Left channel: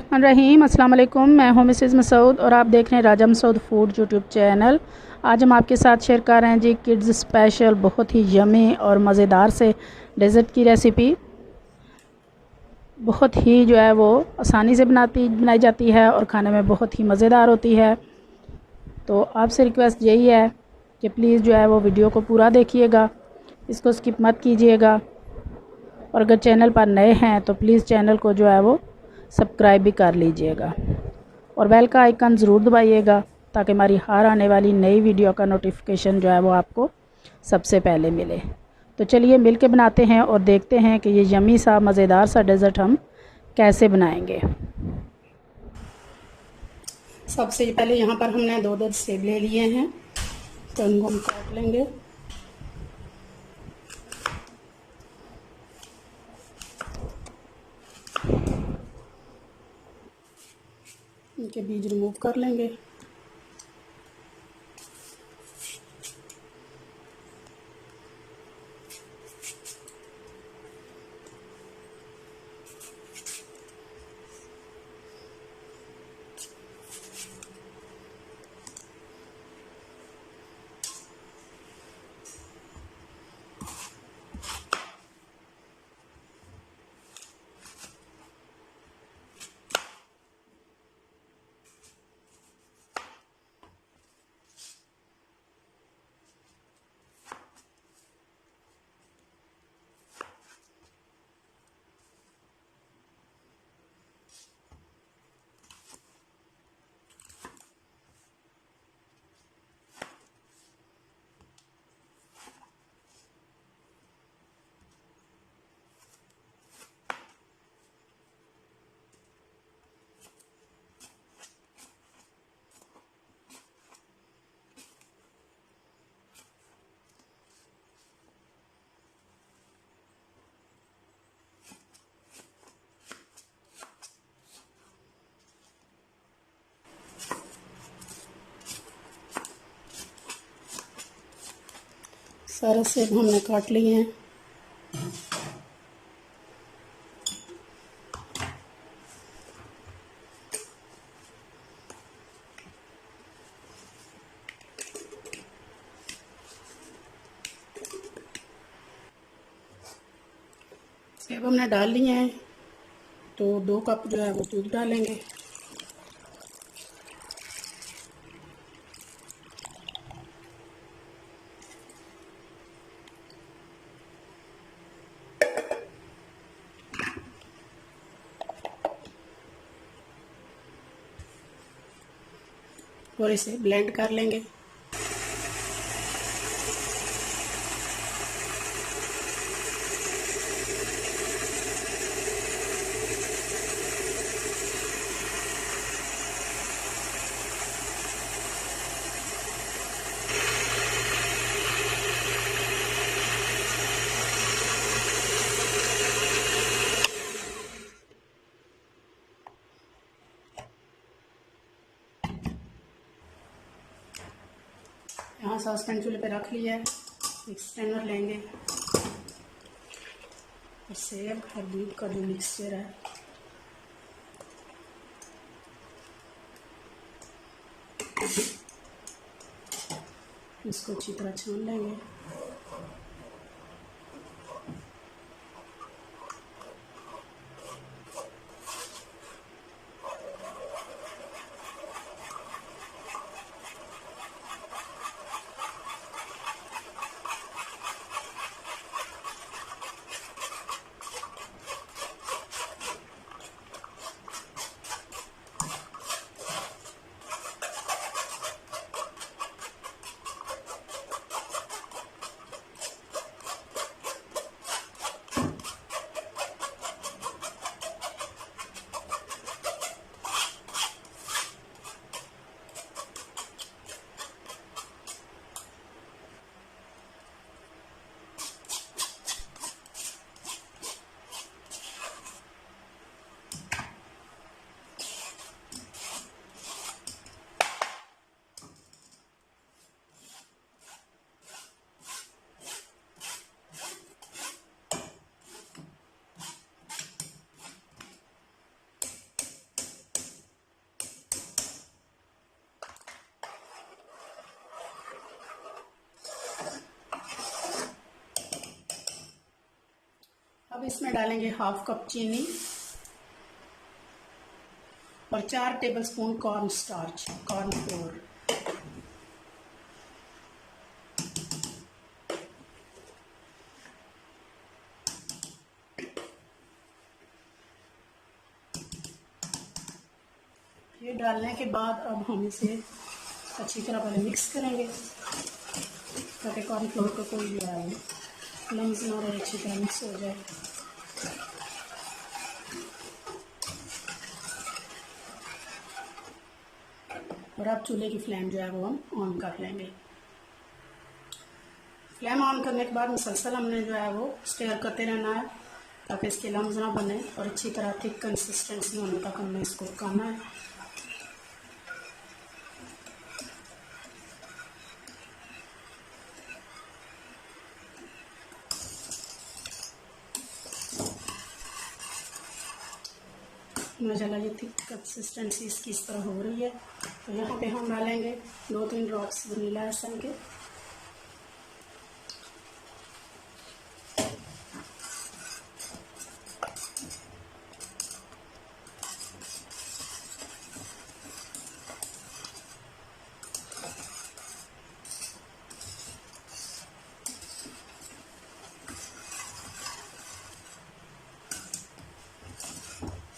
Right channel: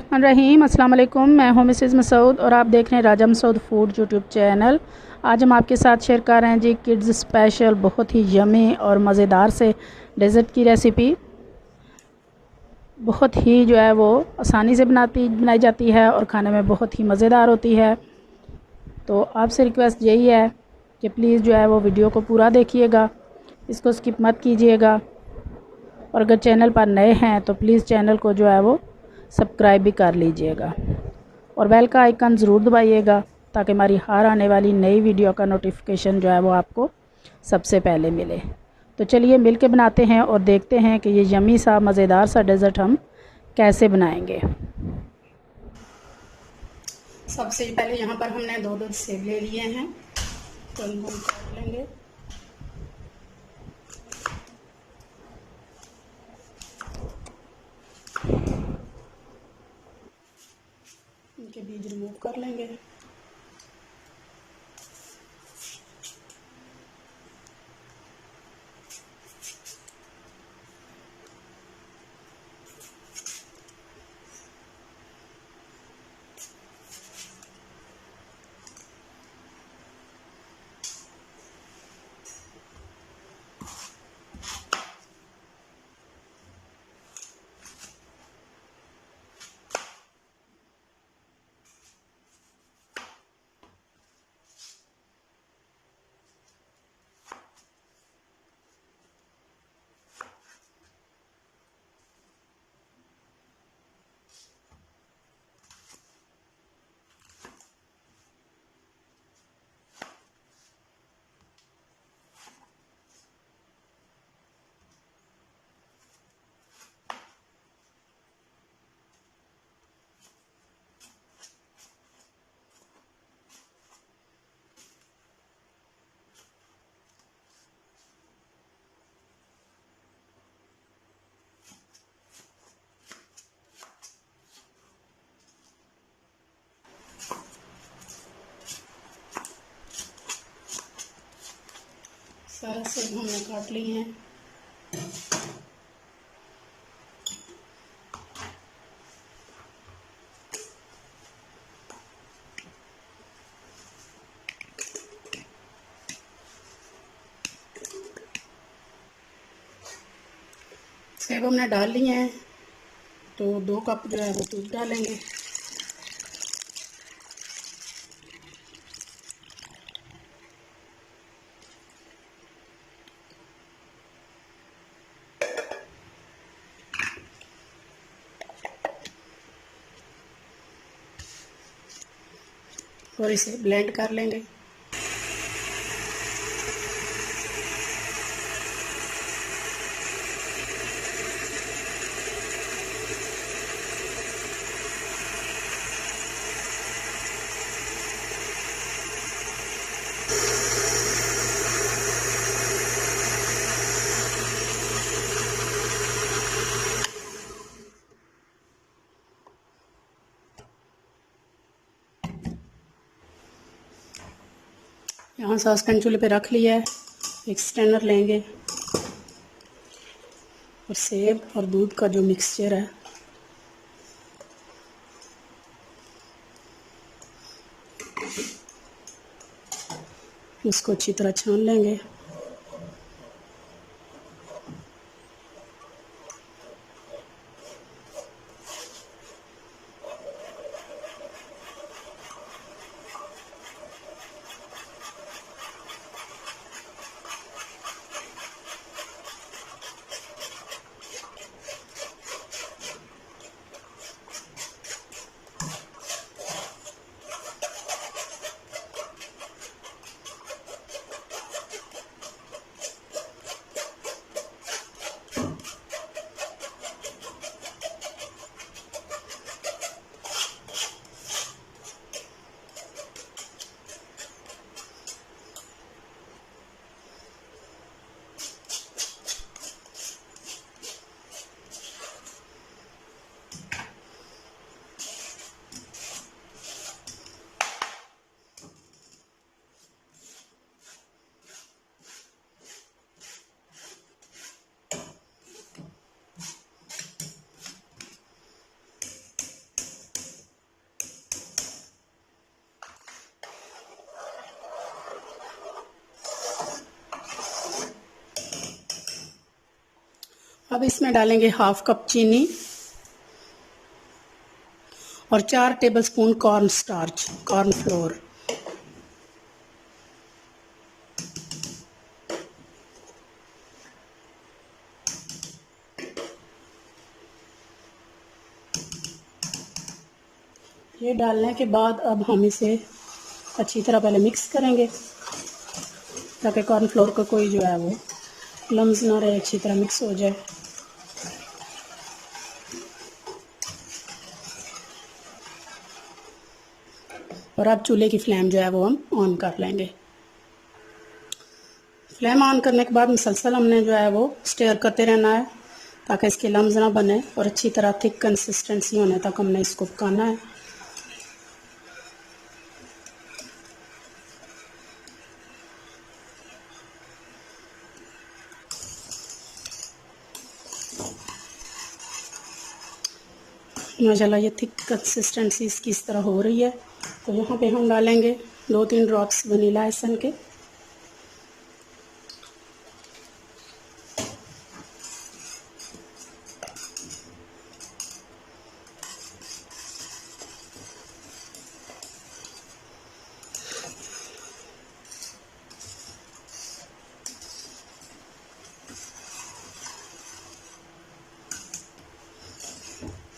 रहीम अस्सलाम वालेकुम। मैं हूं मिसेज़ मसूद और आप देख रहे हैं राजा मसूद फूड यूट्यूब चैनल। आज हम आपके साथ शेयर कर रहे हैं जी किड्स स्पेशल बहुत ही यमी और मज़ेदार से डेज़र्ट की रेसिपी। बहुत ही जो है वो आसानी से बनाई जाती है और खाने में बहुत ही मज़ेदार होती है। तो आपसे रिक्वेस्ट यही है कि प्लीज़ जो है वो वीडियो को पूरा देखिएगा, इसको स्किप मत कीजिएगा। और अगर चैनल पर नए हैं तो प्लीज़ चैनल को जो है वो सब्सक्राइब भी कर लीजिएगा और बेल का आइकन ज़रूर दबाइएगा ताकि हमारी हर आने वाली नई वीडियो का नोटिफिकेशन जो है वो आपको सबसे पहले मिले। तो चलिए मिल के बनाते हैं और देखते हैं कि ये यमी सा मज़ेदार सा डेज़र्ट हम कैसे बनाएंगे। सबसे पहले यहाँ पर हमने दो सेब ले लिए हैं, तो इनको हम काट लेंगे। इनके बीज रिमूव कर लेंगे। सारे सेब हमने काट लिए हैं। सेब हमने डाल लिए हैं, तो 2 कप जो है वो दूध डालेंगे। और इसे ब्लेंड कर लेंगे। यहाँ सॉसपैन चूल्हे पे रख लिया है। एक स्ट्रेनर लेंगे और सेब और दूध का जो मिक्सचर है इसको अच्छी तरह छान लेंगे। अब इसमें डालेंगे हाफ कप चीनी और 4 tablespoon corn starch, corn flour. ये डालने के बाद अब हम इसे अच्छी तरह पहले मिक्स करेंगे ताकि कॉर्नफ्लोर का कोई जो है वो लम्स ना रहे, अच्छी तरह मिक्स हो जाए। और अब चूल्हे की फ्लेम जो है वो हम ऑन कर लेंगे। फ्लेम ऑन करने के बाद मुसलसल हमने जो है वो स्टेयर करते रहना है ताकि इसके लम्स ना बने और अच्छी तरह थिक कंसिस्टेंसी होने तक हमने इसको पकाना है। माशाल्लाह ये थिक कंसिस्टेंसी इसकी इस तरह हो रही है। तो यहाँ पे हम डालेंगे 2-3 ड्रॉप्स वनीला एसेंस के।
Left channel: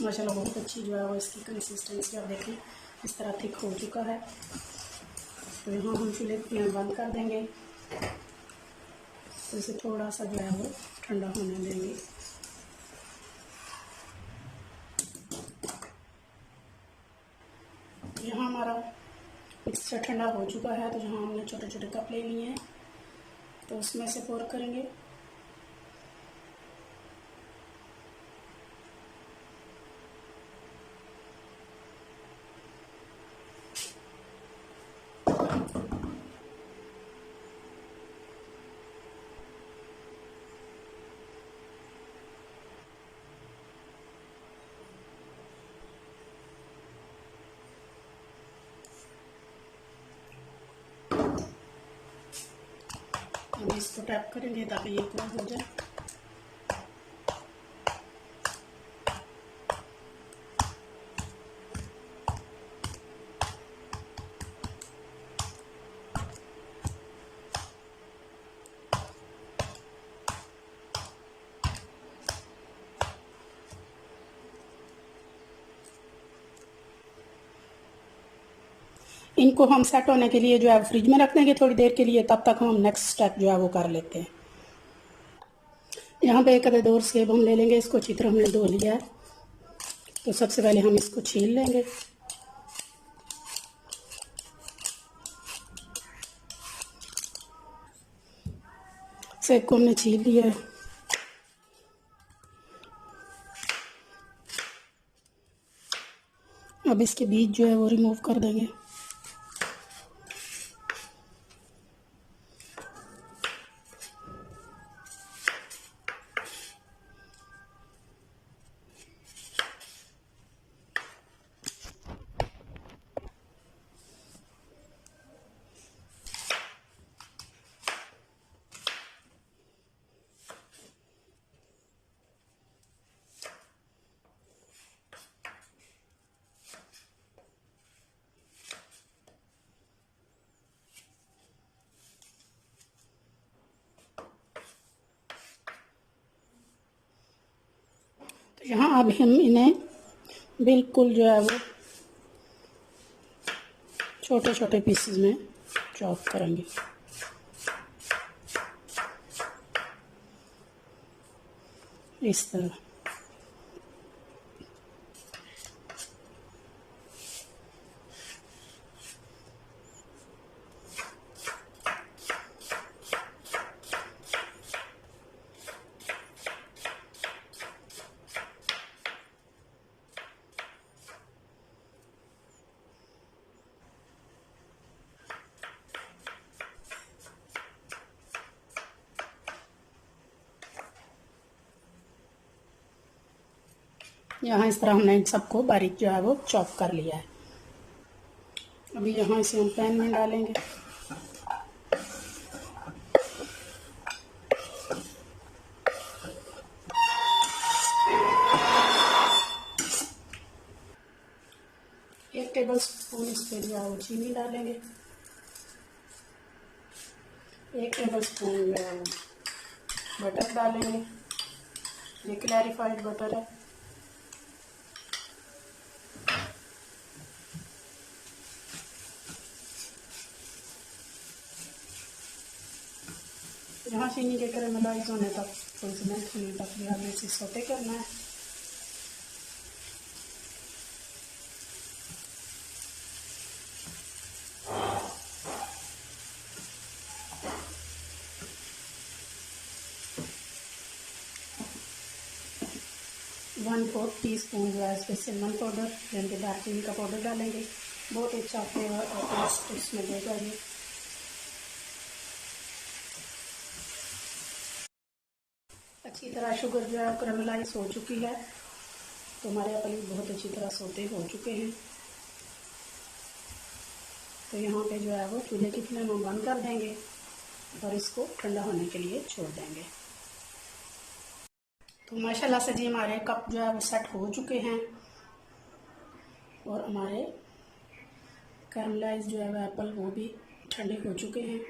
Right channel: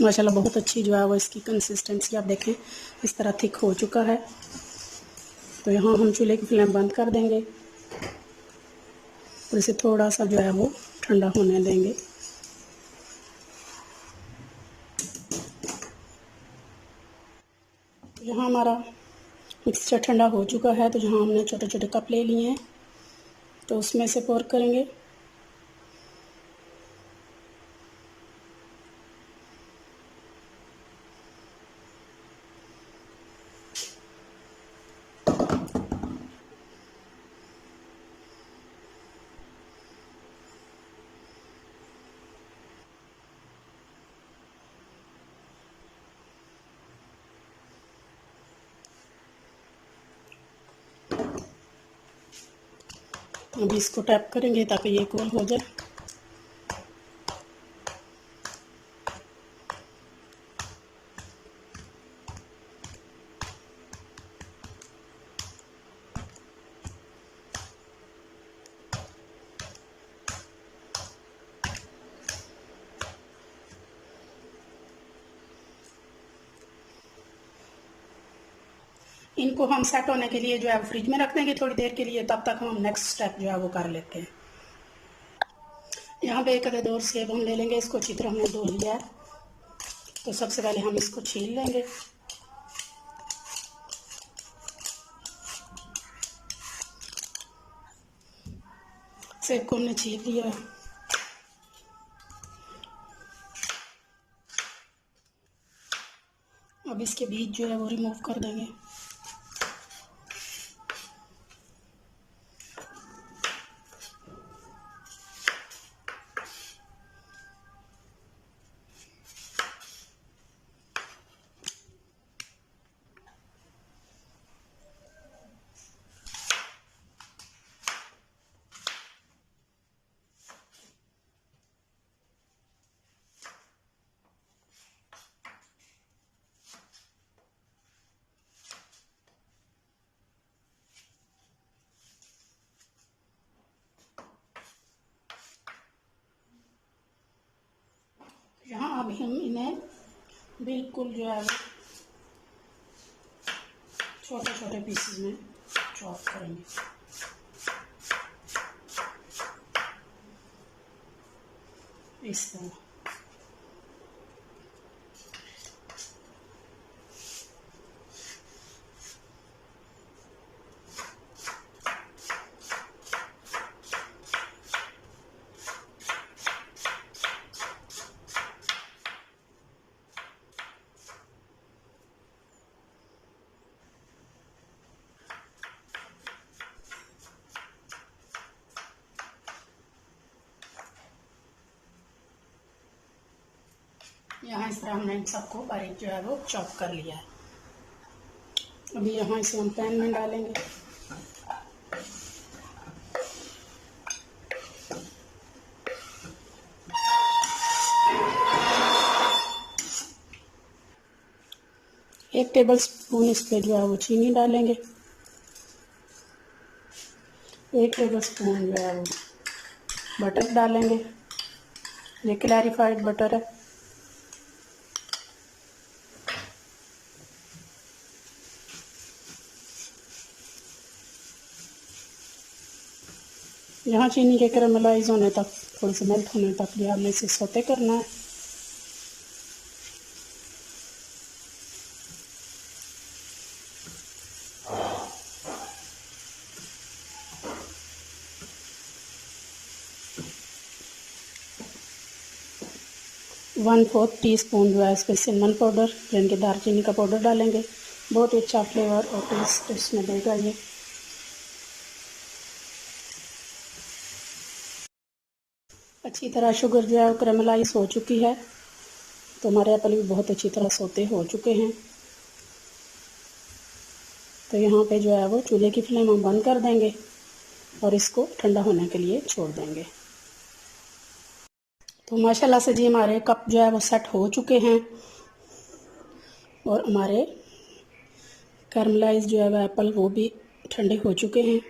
माशाल्लाह बहुत अच्छी जो है वो इसकी कंसिस्टेंसी आप देखें इस तरह थिक हो चुका है। तो यहाँ हम चूल्हे की फ्लेम बंद कर देंगे और इसे थोड़ा सा जो है वो ठंडा होने देंगे। यहाँ हमारा मिक्सचर ठंडा हो चुका है। तो जहाँ हमने छोटे छोटे कप ले लिए हैं तो उसमें से पोर करेंगे। अभी इसको टैप करेंगे ताकि ये कूल हो जाए। इनको हम सेट होने के लिए जो है फ्रिज में रख देंगे थोड़ी देर के लिए। तब तक हम नेक्स्ट स्टेप जो है वो कर लेते हैं। यहाँ पे एक अदर 2 सेब हम ले लेंगे। इसको अच्छी तरह हमने धो लिया है। तो सबसे पहले हम इसको छील लेंगे। सेब को हमने छील लिया है। अब इसके बीज जो है वो रिमूव कर देंगे। तो यहाँ अब हम इन्हें बिल्कुल जो है वो छोटे छोटे पीसेस में चॉप करेंगे। इस तरह यहाँ इस तरह हमने सबको बारीक जो है वो चॉप कर लिया है। अभी यहाँ इसे हम पैन में डालेंगे। 1 टेबल स्पून इस पर जो है वो चीनी डालेंगे। 1 टेबल स्पून जो है वो बटर डालेंगे। ये क्लैरिफाइड बटर है। यहाँ चीनी के कैरामलाइज होने तक, थोड़ी सी मेल्ट होने तक भी हमने इसे सौते करना है। वन फोर्थ टी स्पून जो है इस पर सिनेमन पाउडर यानी कि दालचीनी का पाउडर डालेंगे। बहुत ही अच्छा फ्लेवर और टेस्ट इसमें देगा ये। अच्छी तरह शुगर जो है कैरामलाइज हो चुकी है, तो हमारे एप्पल भी बहुत अच्छी तरह सौते हो चुके हैं। तो यहाँ पे जो है वो चूल्हे की फ्लेम हम बंद कर देंगे और इसको ठंडा होने के लिए छोड़ देंगे। तो माशाल्लाह से जी हमारे कप जो है वो सेट हो चुके हैं और हमारे कैरामलाइज जो है वो एप्पल वो भी ठंडे हो चुके हैं।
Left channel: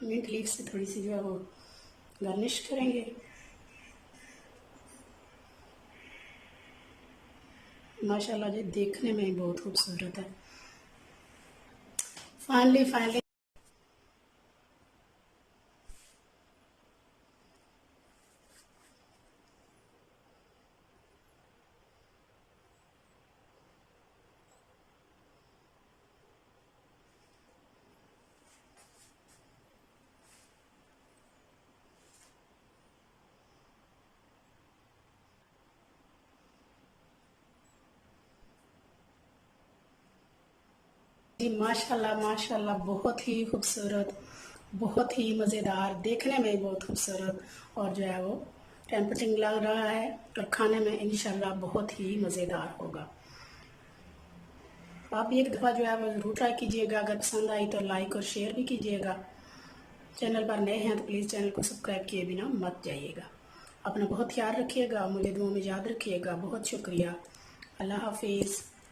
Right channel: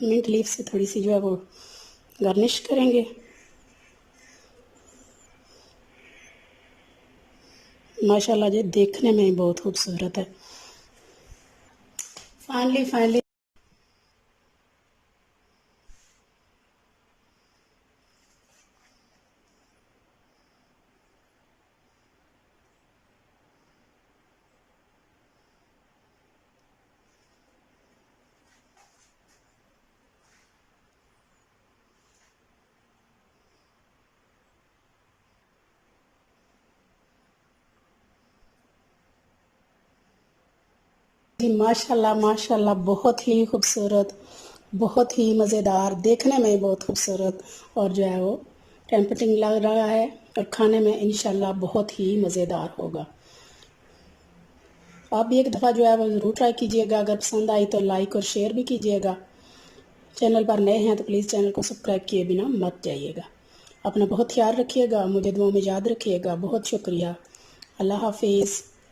मिंट लीफ से थोड़ी सी जो है वो गार्निश करेंगे। माशाल्लाह जी देखने में ही बहुत खूबसूरत है। फाइनली जी माशाल्लाह बहुत ही खूबसूरत, बहुत ही मज़ेदार, देखने में ही बहुत खूबसूरत और जो है वो टेम्पटिंग लग रहा है और खाने में इंशाल्लाह बहुत ही मज़ेदार होगा। आप भी एक दफ़ा जो है वो ज़रूर ट्राई कीजिएगा। अगर पसंद आई तो लाइक और शेयर भी कीजिएगा। चैनल पर नए हैं तो प्लीज़ चैनल को सब्सक्राइब किए बिना मत जाइएगा। अपना बहुत ख्याल रखिएगा, मुझे दुआ में याद रखिएगा। बहुत शुक्रिया। अल्लाह हाफिज़।